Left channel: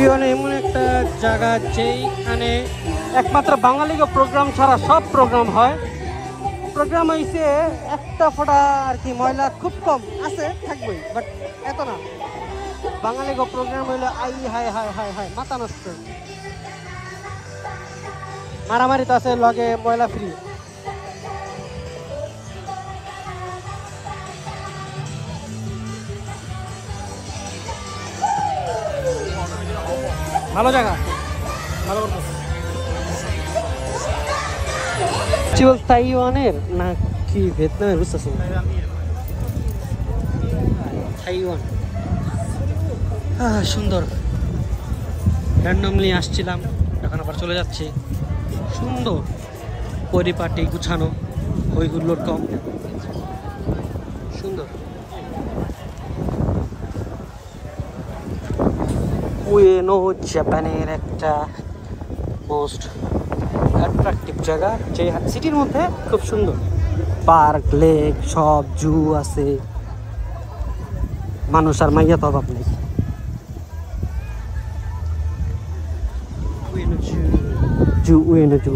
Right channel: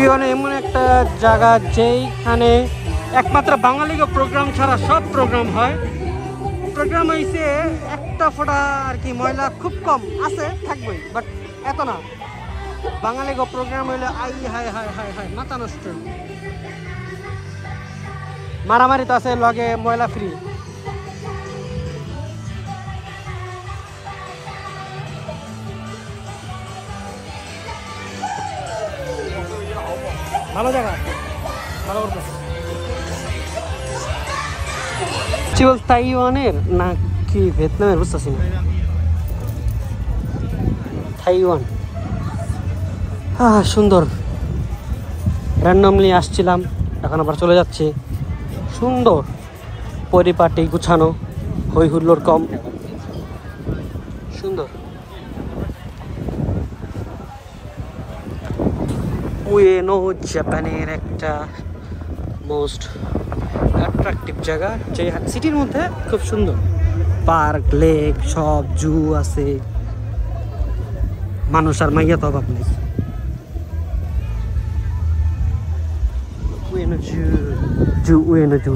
উইয়ন এমন একটা জায়গা যেখানে একমাত্র বাঙালিকে প্রোগ্রাম ছাড়া সব প্রোগ্রাম হয়। প্রোগ্রাম হয়েছে একটা ফোটা আর কি, ময়লা খুব কম আছে, থাকবেই, বাট এত না। বাঙালিকে প্রোগ্রাম হইলে I high high high high মাথা নষ্ট। মারামারি তো আছে, লগে ময়লা ফ্রি। ভালো জায়গা, ভালো করতে। তাইওয়ানের না কি ভিয়েতনামের বুঝতেছি না। তাইওয়ান সুন্দর। র্যান্ডমলি আসছিলাম, এখন আবার চলে যাচ্ছি। সুন্দর পরিপাটি, গুছানো, হই হুল্লোড় কম, সুন্দর। উয়েনো জাপানের একটা মোস্ট অ্যাট্রাকটিভ জায়গা, যে সিটির মধ্যে খুব সুন্দর। পার্ক, লেক, সব জু আছে, মানুষ আর মাইয়া তো অভাব নেই। উয়েনো জু, উয়েনো জু।